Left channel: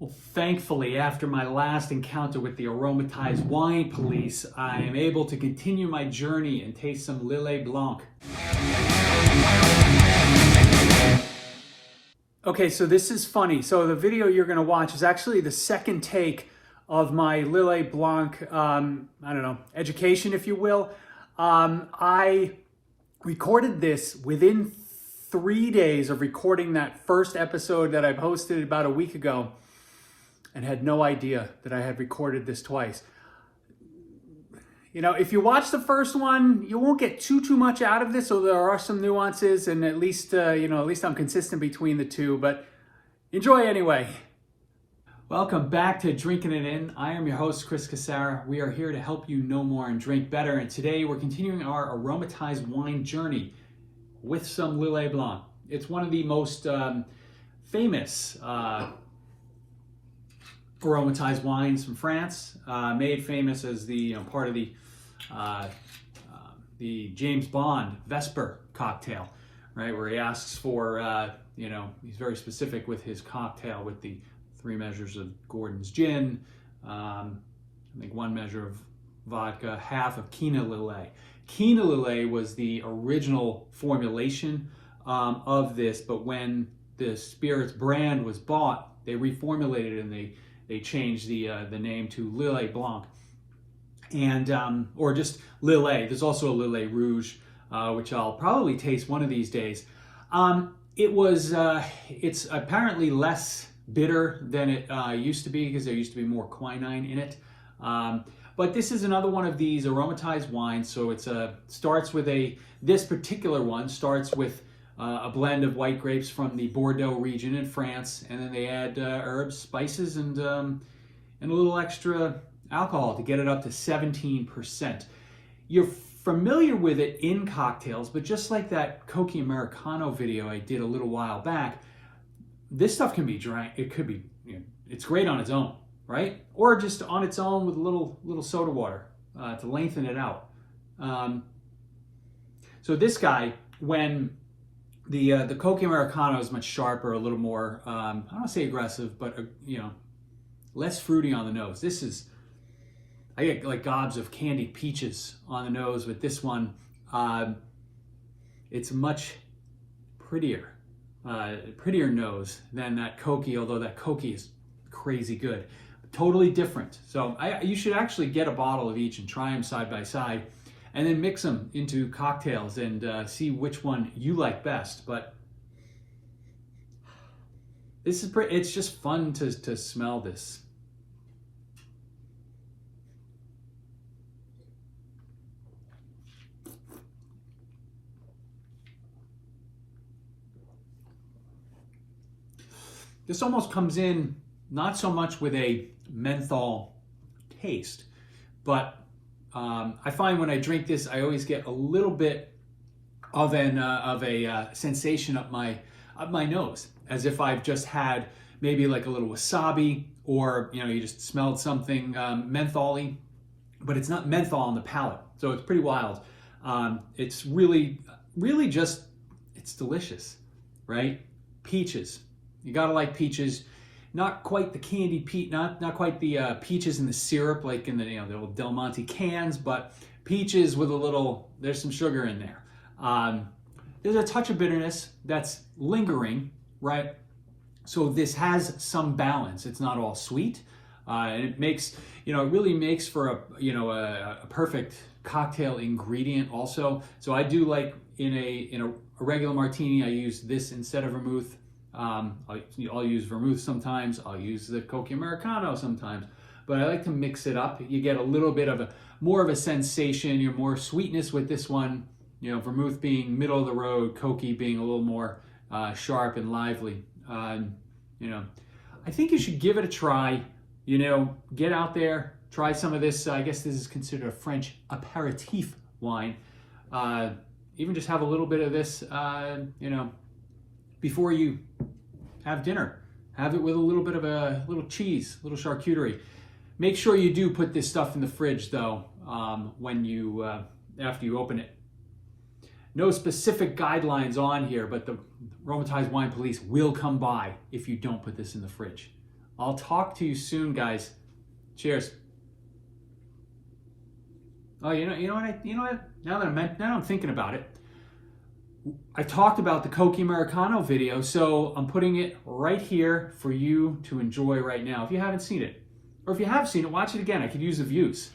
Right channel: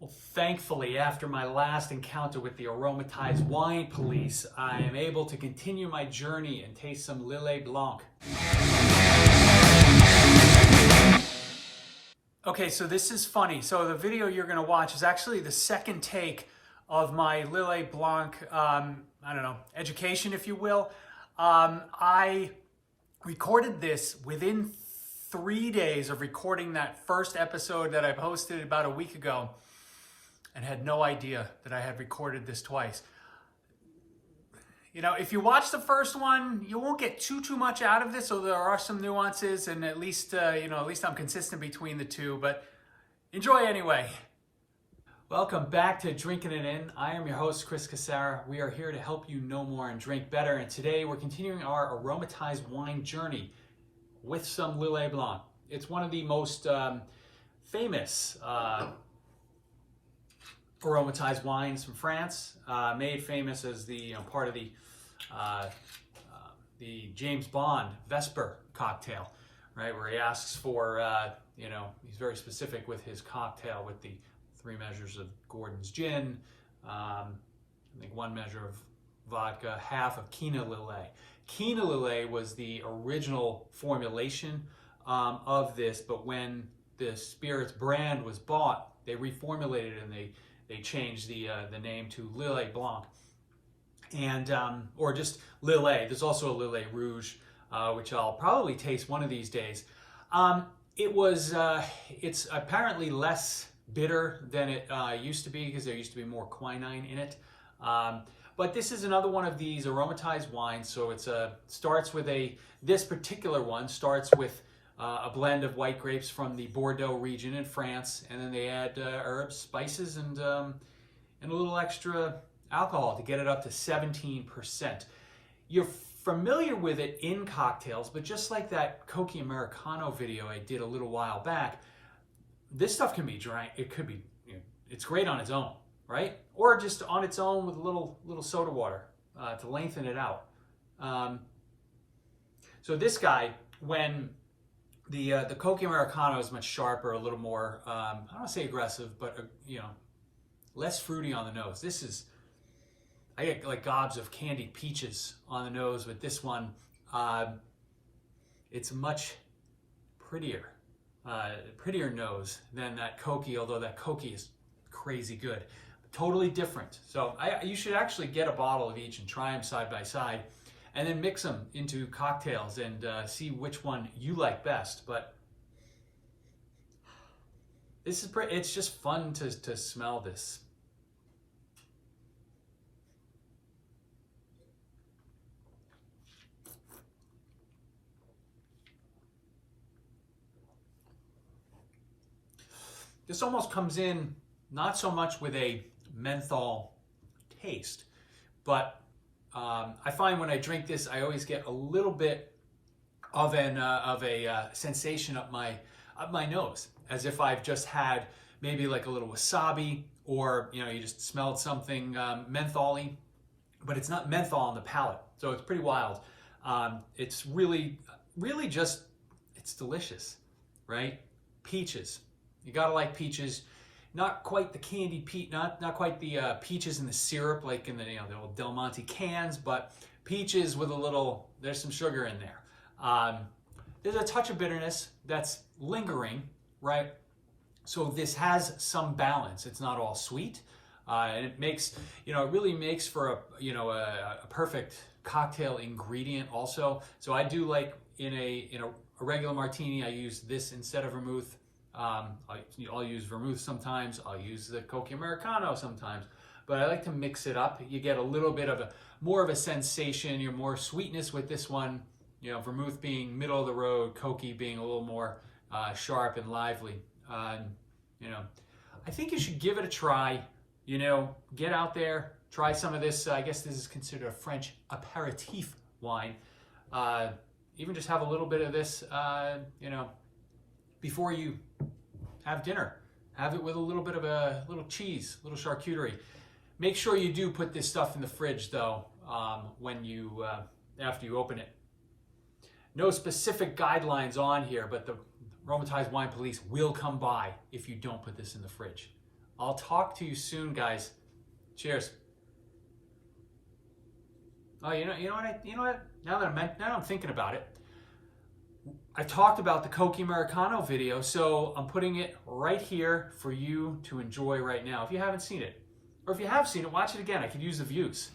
Well, thankfully, after my last encounter with the Aromatized wine police, I am able to continue my journey and taste some Lillet Blanc. Okay, so this is funny. So the video you're going to watch is actually the second take of my Lillet Blanc, education, if you will. I recorded this within 3 days of recording that first episode that I posted about a week ago, and had no idea that I had recorded this twice. You know, if you watch the first one, you won't get too much out of this, so there are some nuances, and at least I'm consistent between the two, but enjoy anyway. Welcome back to Drinking It In. I am your host, Chris Casara. We are here to help you know more and drink better, and today we're continuing our aromatized wine journey with some Lillet Blanc. It's one of the most famous aromatized wines from France, made famous as the part of the James Bond Vesper cocktail, right? Where he asks for, he's very specific with his cocktail with the 3 measures of Gordon's gin, I think 1 measure of vodka, half of Quina Lillet. Quina Lillet was the original formulation of this, but when the spirits brand was bought, they reformulated it and they changed the name to Lillet Blanc, and or just Lillet. There's also a Lillet Rouge, which I'll probably taste one of these days. It's apparently less bitter than it used to be, because there used to be more quinine in it. But this is another one of these aromatized wines. So this particular one starts with a blend of white grapes from the Bordeaux region in France, and then they add herbs, spices, and a little extra alcohol to get it up to 17%. You're familiar with it in cocktails, but just like that Coke Americano video I did a little while back, this stuff can be drank. It could be, it's great on its own, right? Or just on its own with a little soda water to lengthen it out. So this guy, when the Coke Americano is much sharper, a little more, I don't want to say aggressive, but less fruity on the nose. I get like gobs of candied peaches on the nose with this one. It's much prettier nose than that Coke, although that Coke is crazy good. Totally different. So you should actually get a bottle of each and try them side by side, and then mix them into cocktails and see which one you like best. But this is it's just fun to smell this. This almost comes in not so much with a menthol taste, but I find when I drink this, I always get a little bit of a sensation up my nose, as if I've just had maybe like a little wasabi, or you just smelled something mentholy, but it's not menthol on the palate, so it's pretty wild. It's really just, it's delicious, right? Peaches, you gotta like peaches. Not quite the candied peach, not quite the peaches in the syrup like in the old Del Monte cans, but peaches with there's some sugar in there. There's a touch of bitterness that's lingering, right? So this has some balance. It's not all sweet, and it makes it really makes for a perfect cocktail ingredient also. So I do like in a regular martini, I use this instead of vermouth. I'll use vermouth sometimes, I'll use the Coke Americano sometimes, but I like to mix it up. You get a little bit of more of a sensation, more sweetness with this one, vermouth being middle of the road, Coke being a little more sharp and lively. I think you should give it a try, get out there, try some of this. I guess this is considered a French aperitif wine. Even just have a little bit of this, before you have dinner. Have it with a little bit of a little cheese, a little charcuterie. Make sure you do put this stuff in the fridge though, when you after you open it. No specific guidelines on here, but the Aromatized Wine Police will come by if you don't put this in the fridge. I'll talk to you soon, guys. Cheers. Oh, you know what? Now I'm thinking about it. I talked about the Coke Americano video, so I'm putting it right here for you to enjoy right now if you haven't seen it. Or if you have seen it, watch it again. I could use the views.